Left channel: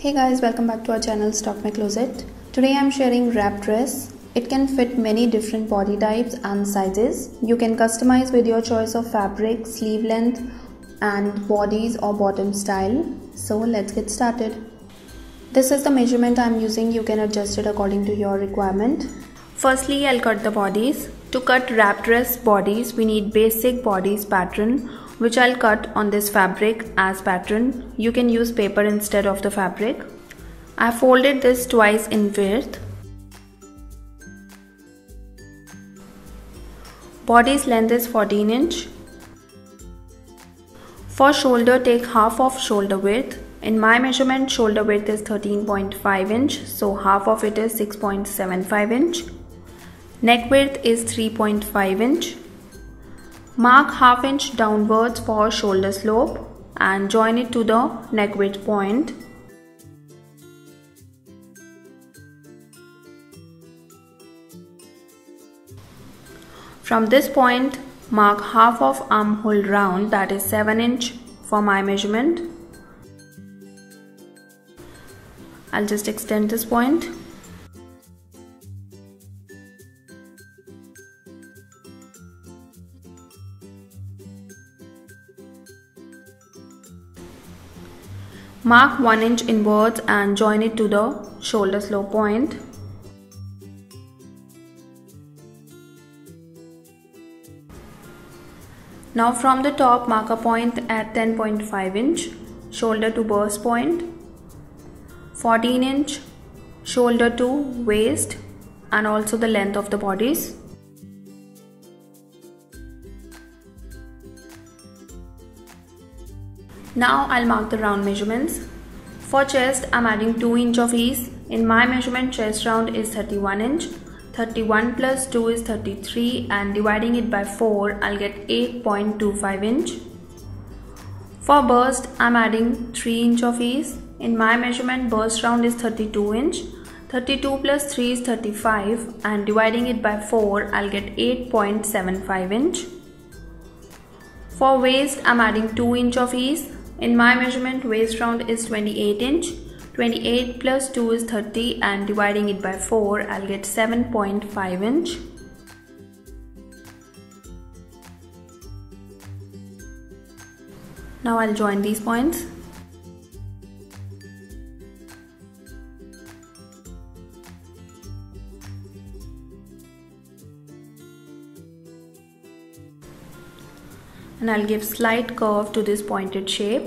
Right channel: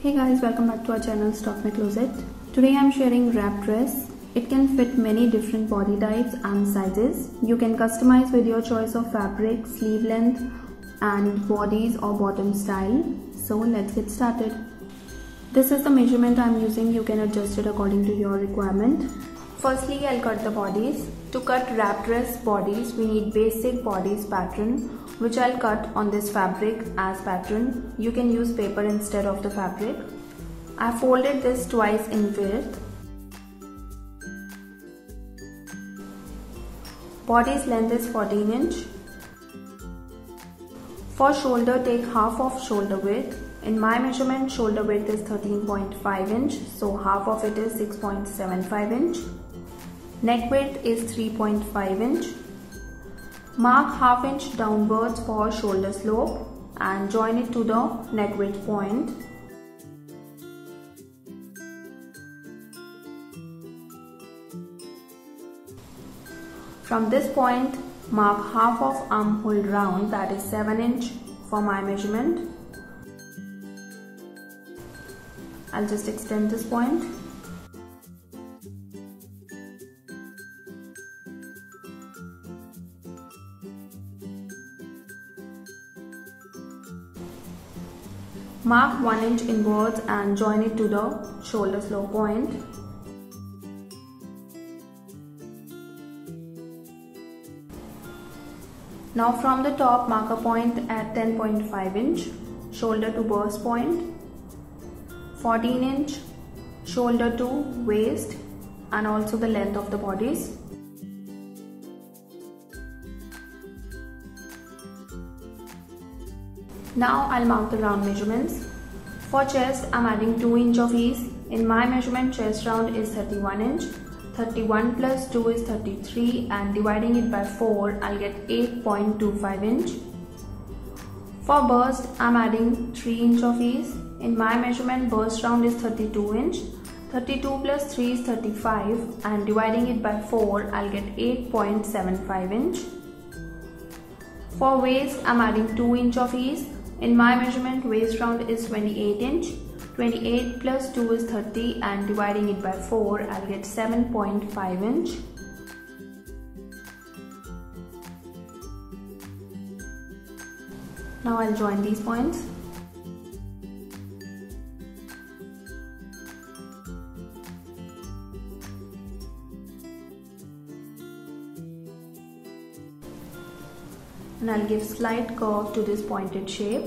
Hey guys, welcome back to our channel Stalk My Closet. Today I'm sharing wrap dress. It can fit many different body types and sizes. You can customize with your choice of fabric, sleeve length and bodies or bottom style. So let's get started. This is the measurement I'm using. You can adjust it according to your requirement. Firstly, I'll cut the bodies. To cut wrap dress bodies, we need basic bodies pattern, which I'll cut on this fabric as pattern. You can use paper instead of the fabric. I folded this twice in width. Body's length is 14 inch. For shoulder, take half of shoulder width. In my measurement, shoulder width is 13.5 inch, so half of it is 6.75 inch. Neck width is 3.5 inch. Mark half inch downwards for shoulder slope and join it to the neck width point. From this point, mark half of armhole round, that is 7 inch for my measurement. I'll just extend this point. Mark 1 inch inwards and join it to the shoulder slope point. Now from the top, mark a point at 10.5 inch, shoulder to burst point, 14 inch, shoulder to waist and also the length of the bodies. Now I'll mark the round measurements. For chest, I'm adding 2 inch of ease. In my measurement, chest round is 31 inch. 31 plus 2 is 33 and dividing it by 4, I'll get 8.25 inch. For burst, I'm adding 3 inch of ease. In my measurement, burst round is 32 inch. 32 plus 3 is 35 and dividing it by 4, I'll get 8.75 inch. For waist, I'm adding 2 inch of ease. In my measurement, waist round is 28 inch. 28 plus 2 is 30 and dividing it by 4, I'll get 7.5 inch. Now I'll join these points. And I'll give slight curve to this pointed shape.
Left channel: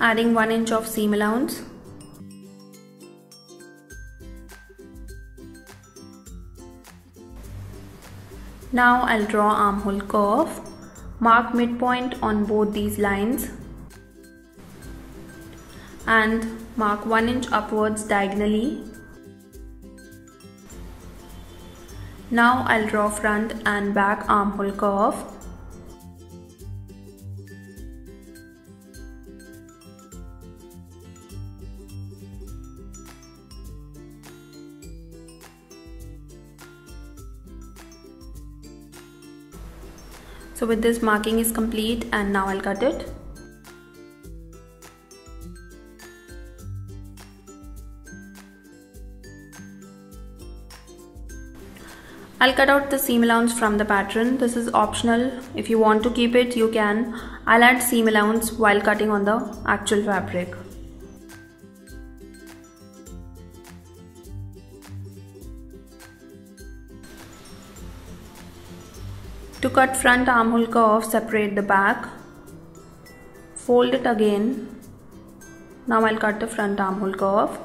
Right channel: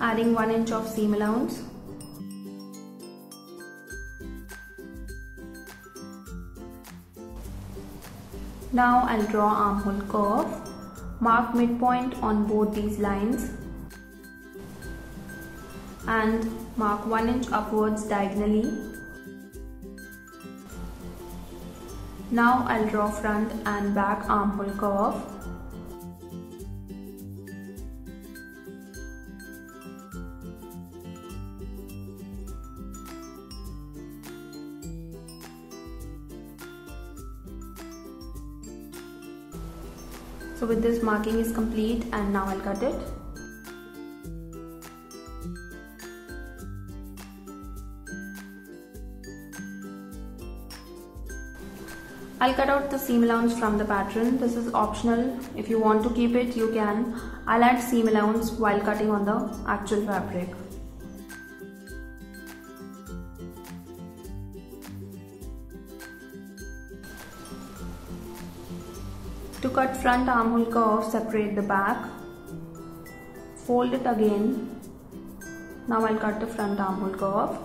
Adding 1 inch of seam allowance. Now I'll draw armhole curve. Mark midpoint on both these lines and mark 1 inch upwards diagonally. Now I'll draw front and back armhole curve. So with this, marking is complete and now I'll cut it. I'll cut out the seam allowance from the pattern. This is optional. If you want to keep it, you can. I'll add seam allowance while cutting on the actual fabric. To cut front armhole curve, separate the back. Fold it again. Now I'll cut the front armhole curve.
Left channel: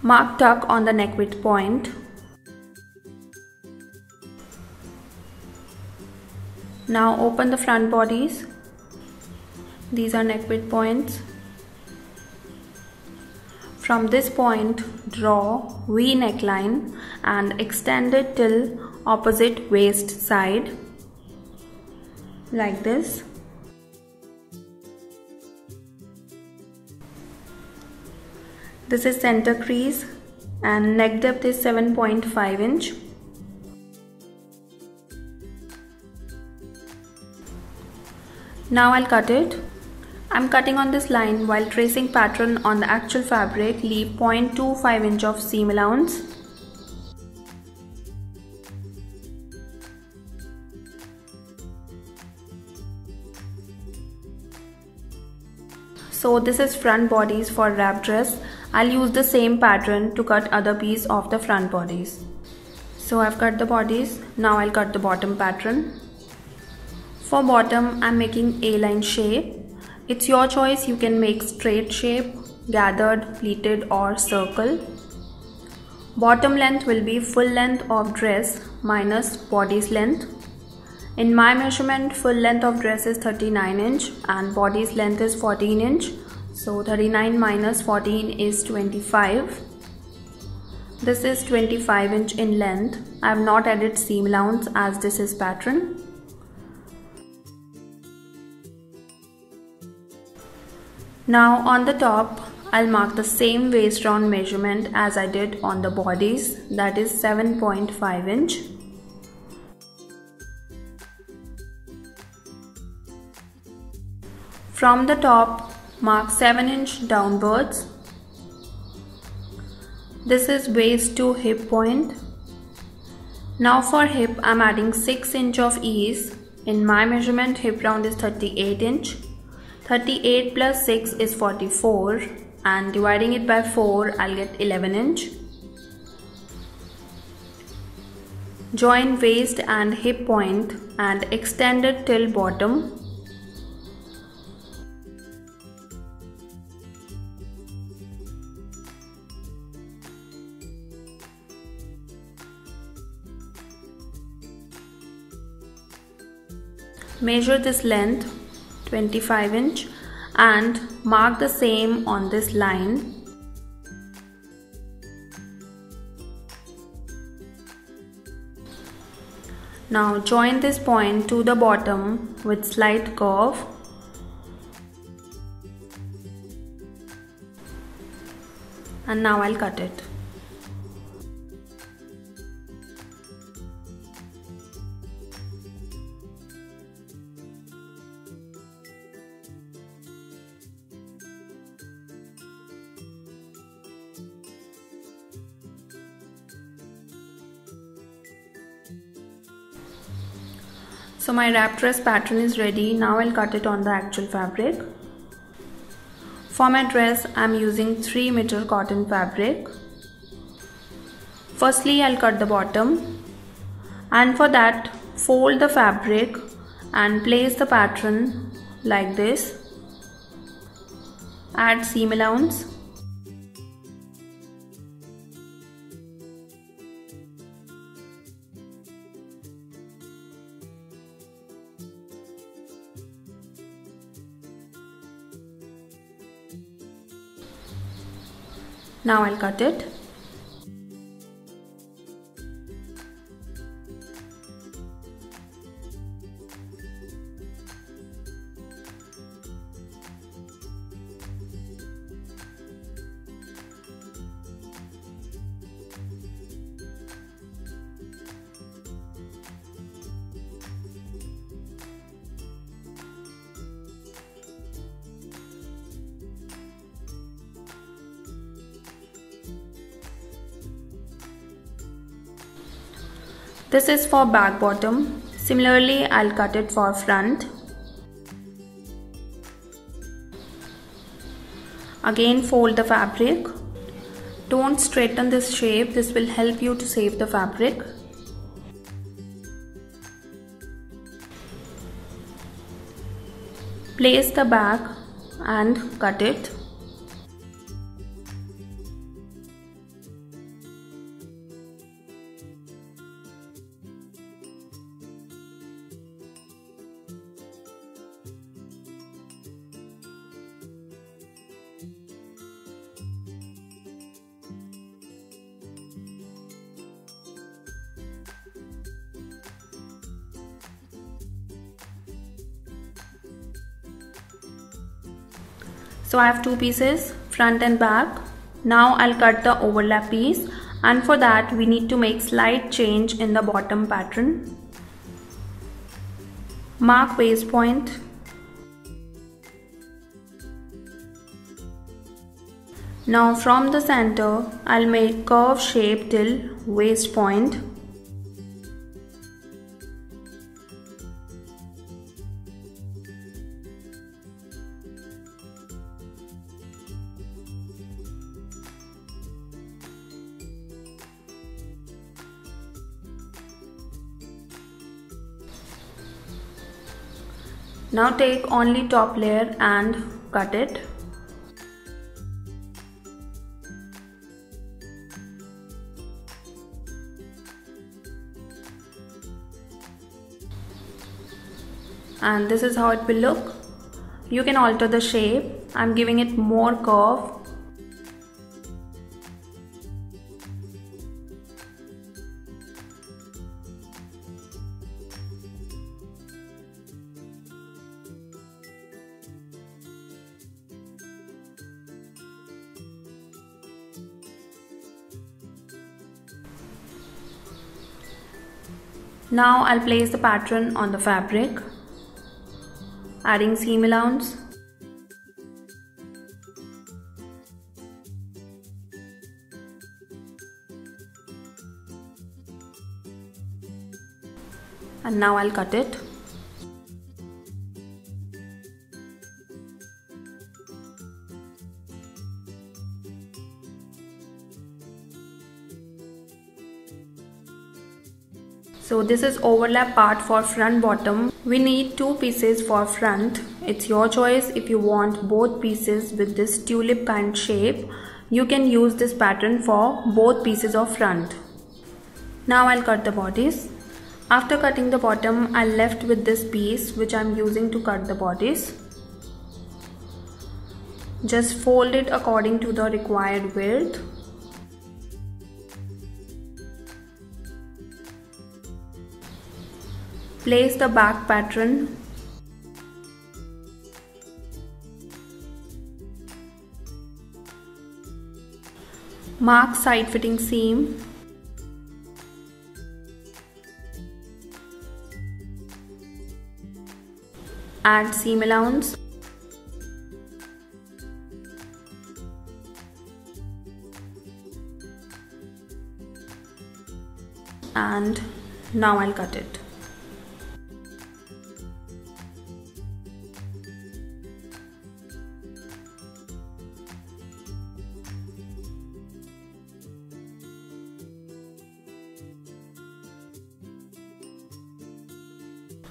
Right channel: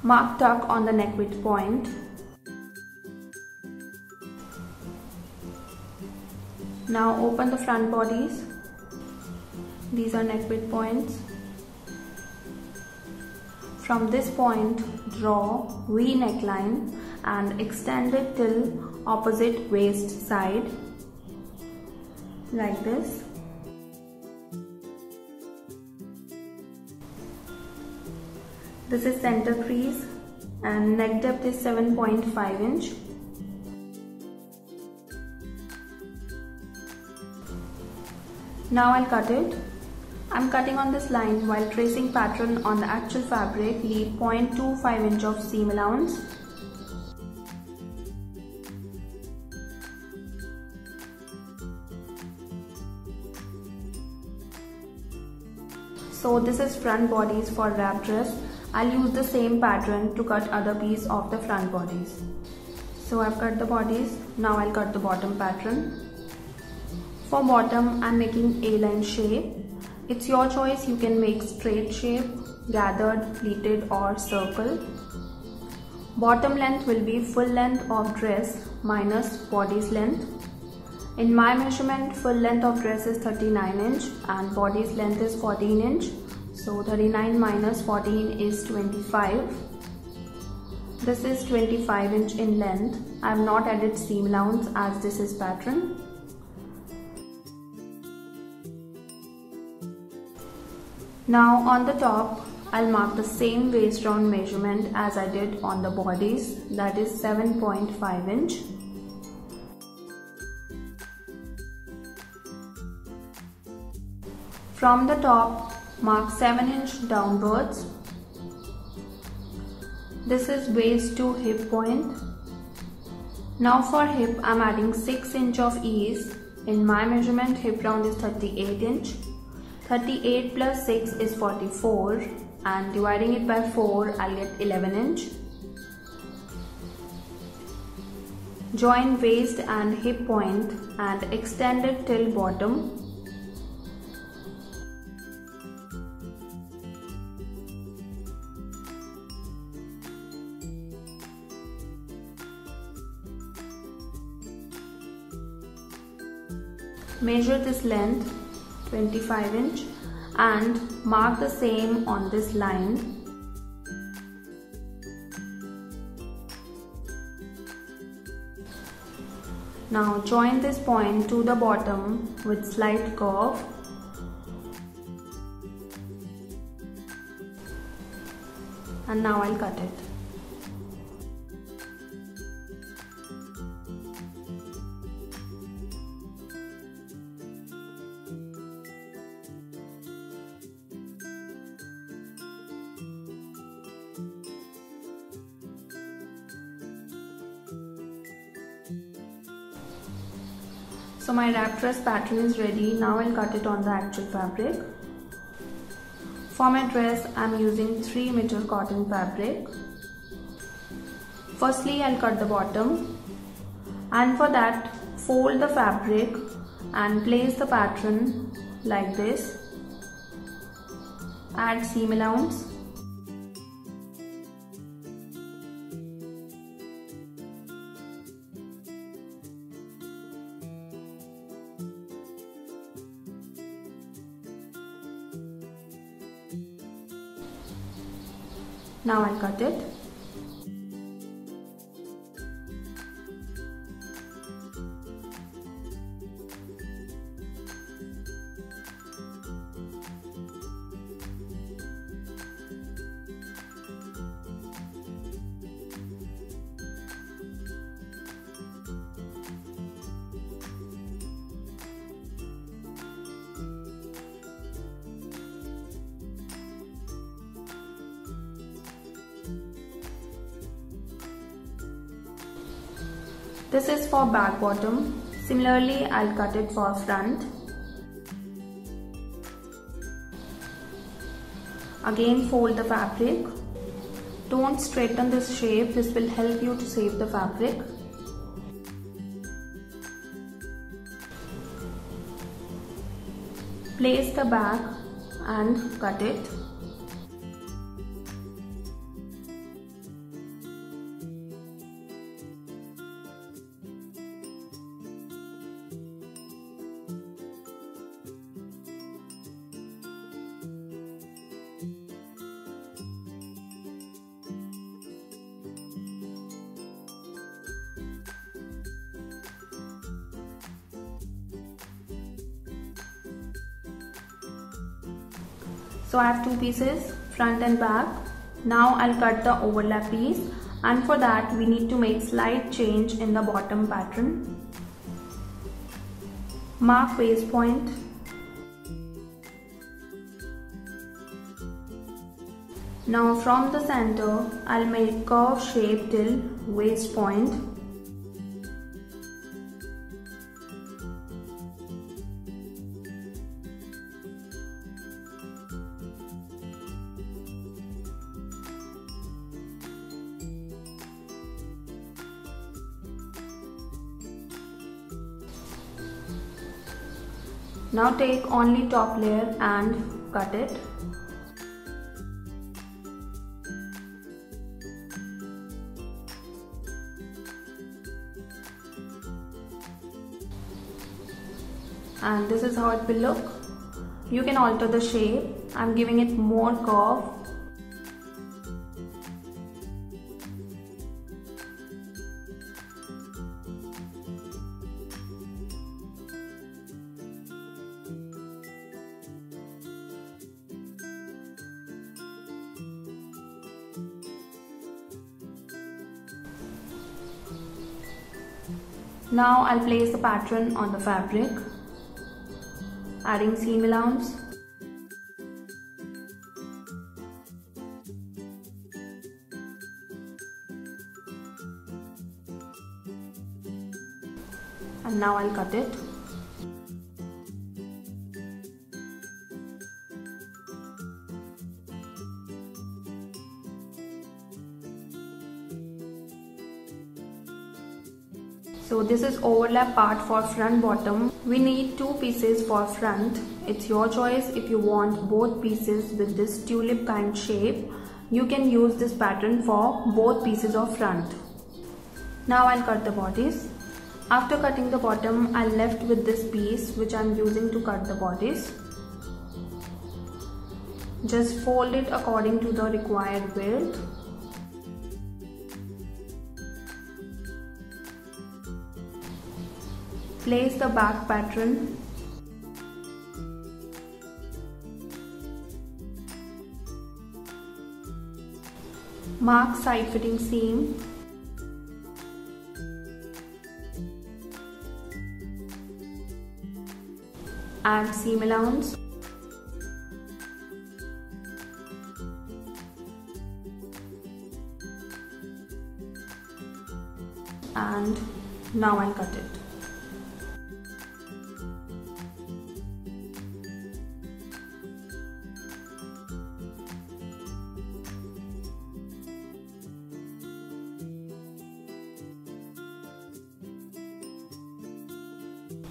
Mark tuck on the neck width point. Now open the front bodies. These are neck width points. From this point, draw V neckline and extend it till opposite waist side. like this. This is center crease and neck depth is 7.5 inch. Now I'll cut it. I'm cutting on this line while tracing pattern on the actual fabric. Leave 0.25 inch of seam allowance. So this is front bodies for wrap dress. I'll use the same pattern to cut other piece of the front bodies. So I've cut the bodies. Now I'll cut the bottom pattern. For bottom, I'm making A-line shape. It's your choice. You can make straight shape, gathered, pleated or circle. Bottom length will be full length of dress minus body's length. In my measurement, full length of dress is 39 inch and body's length is 14 inch. So 39 minus 14 is 25. This is 25 inch in length. I have not added seam allowance as this is pattern. Now on the top, I'll mark the same waist round measurement as I did on the bodies, that is 7.5 inch. From the top, mark 7 inch downwards. This is waist to hip point. Now for hip, I'm adding 6 inch of ease. In my measurement, hip round is 38 inch. 38 plus 6 is 44 and dividing it by 4 I'll get 11 inch. Join waist and hip point and extend it till bottom. Measure this length 25 inch and mark the same on this line. Now join this point to the bottom with slight curve. And now I'll cut it. So my wrap dress pattern is ready. Now I'll cut it on the actual fabric. For my dress, I'm using 3 meter cotton fabric. Firstly, I'll cut the bottom, and for that, fold the fabric and place the pattern like this. Add seam allowance. Now I'll cut it. This is for back bottom. Similarly, I'll cut it for front. Again, fold the fabric. Don't straighten this shape. This will help you to save the fabric. Place the back and cut it. So I have 2 pieces, front and back. Now I'll cut the overlap piece, and for that we need to make slight change in the bottom pattern. Mark waist point. Now from the center, I'll make curve shape till waist point. Now take only top layer and cut it. And this is how it will look. You can alter the shape. I'm giving it more curve. Now I'll place the pattern on the fabric, adding seam allowance. And now I'll cut it. So this is overlap part for front bottom. We need 2 pieces for front. It's your choice. If you want both pieces with this tulip kind shape, you can use this pattern for both pieces of front. Now I'll cut the bodies. After cutting the bottom, I'm left with this piece which I'm using to cut the bodies. Just fold it according to the required width. Place the back pattern. Mark side fitting seam. Add seam allowance. And now I'll cut it.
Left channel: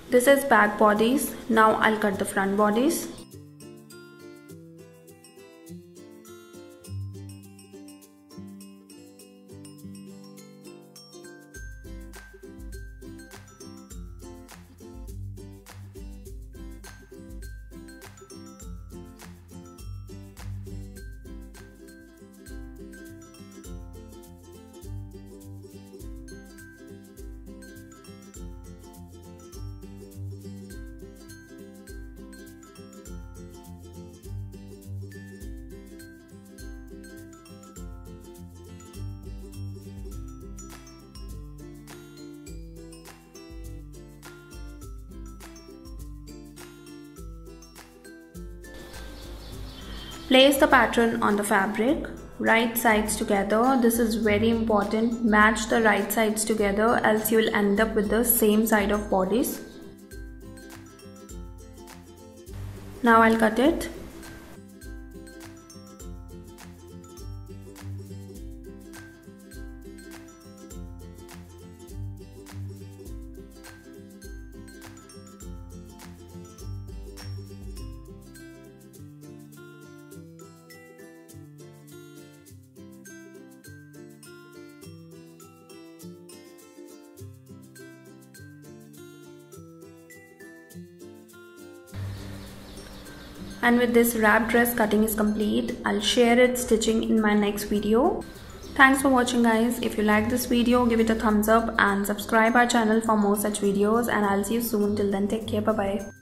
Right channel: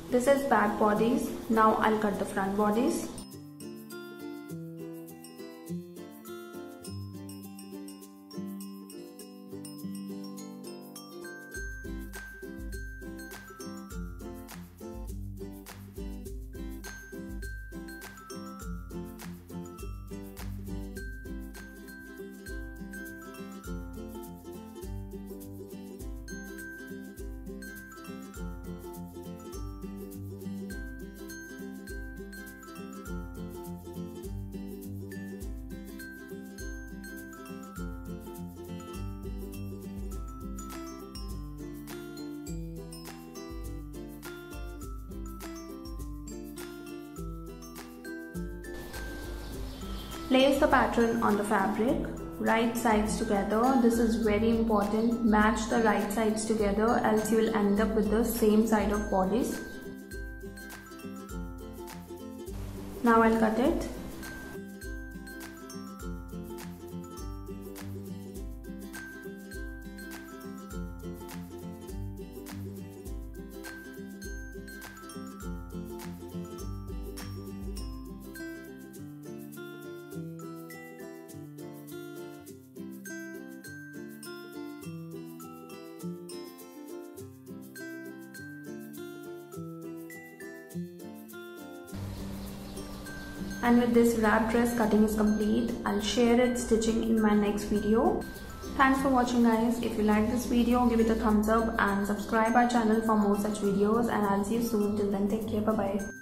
This is back bodies. Now I'll cut the front bodies. Place the pattern on the fabric, right sides together. This is very important. Match the right sides together, else you will end up with the same side of bodies. Now I'll cut it. And with this wrap dress cutting is complete. I'll share its stitching in my next video. Thanks for watching guys. If you like this video, give it a thumbs up and subscribe our channel for more such videos, and I'll see you soon. Till then, take care. Bye bye.